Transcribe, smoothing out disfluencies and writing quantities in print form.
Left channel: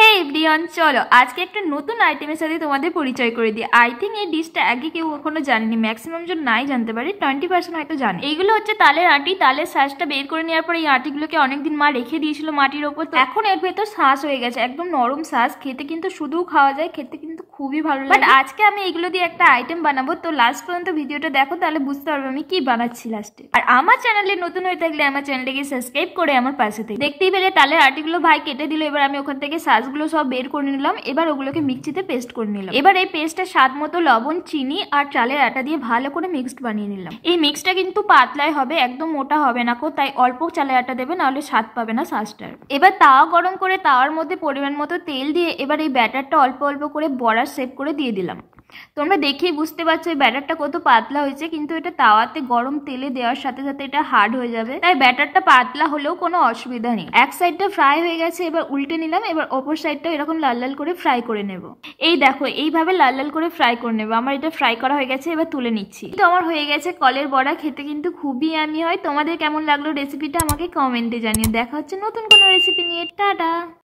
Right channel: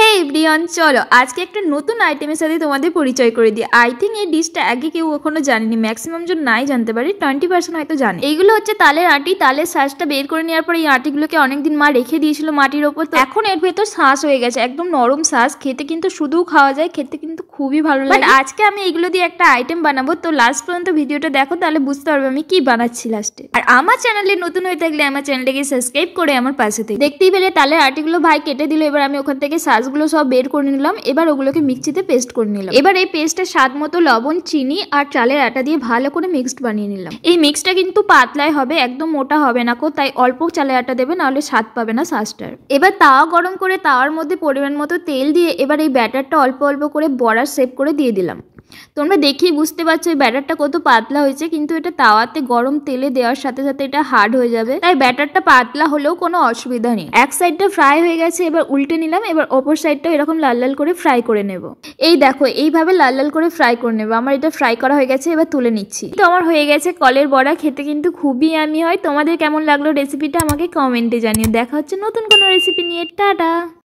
হে everyone, চলো আজকে একটা নতুন আইটেমের সাথে তোমাদের পরিচয় করে দিই। আই থিঙ্ক এই ডিশটা আগে কেউ এখনো জানেনি, ম্যাক্সিমাম জন নাই জানতে পারি, 20% হয়তো জানে। এইগুলো হচ্ছে তালের আটি। তালের শাঁসটা বের করে নেওয়ার পর এই আটিগুলোকে অনেকদিন মা রেখে দিয়েছিল মাটির ওপর, তো এখন এর ভেতর শাঁস হয়ে গেছে, একদম নরম শাঁস। খেতে কিন্তু শুধুও খাওয়া যায়, খেতে কিন্তু খুবই ভালো লাগে। আজকে আমি এগুলো দিয়ে একটা আইটেম বানাবো, তো লাস্ট পর্যন্ত ভিডিওটা দেখো, তাহলে বুঝতে পারবে আমি কি বানাচ্ছি লাস্টে। আর আমার চ্যানেলে নতুন হয়ে থাকলে আমার চ্যানেলটাকে সাবস্ক্রাইব করে আমার পাশে থেকে। দেখতেই পেলে তালের আটিগুলো ভাই কেটে দিল। এবার আমি ওখান থেকে শাঁসগুলো সব বের করে নিলাম। এবার ওগুলোকে মিক্সিতে পেস্ট করে নিলাম। এবার এই পেস্টে স্বাদ মতো লবণ, চিনি আর চালের আটা দিয়ে ভালো করে মিক্সড বানিয়ে নিলাম। এই মিক্সটা কিন্তু পাতলাই হবে, একদম মোটা হবে না, তাই অল্প চালের আটা দেবে, নাহলে স্বাদ পাবে না শাঁসটার। এবার তাওয়া গরম করে তাওয়ার মধ্যে পরিমাণ মতো তেল দিয়ে এবার এই ব্যাটারটা অল্প অল্প করে বড়ার শেপ করে দিয়ে দিলাম। তোমরা দেখেই বুঝতে পারছো এই ব্যাটারটা কত পাতলা হয়েছে, কিন্তু এটা তাওয়াতে গরম তেলে দেওয়ার সাথে সাথে এটা হার্ড হয়ে যাবে, তাই ব্যাটারটা পাতলা হলেও কোনো অসুবিধা নেই। এক সাইডটা ফ্রাই হয়ে গেছে, এবার উল্টে নিলাম। এবার অপর সাইডটা এরকম লাল লাল করে ফ্রাই করে নেব। এই দেখো, এইভাবে লাল লাল করে ফ্রাই করে নেবো। আমার এটা ফ্রাই করা হয়ে গেছে, এবার তুলে নিচ্ছি। তো আমার হয়ে গেছে কলের বড়া। খেতে কিন্তু খুবই ইয়ামি হয়। তোমাদের কেমন লাগলো রেসিপিটা আমাকে কমেন্টে জানিয়ে। দেখা হচ্ছে নতুন কোনো রেসিপি নিয়ে। টাটা।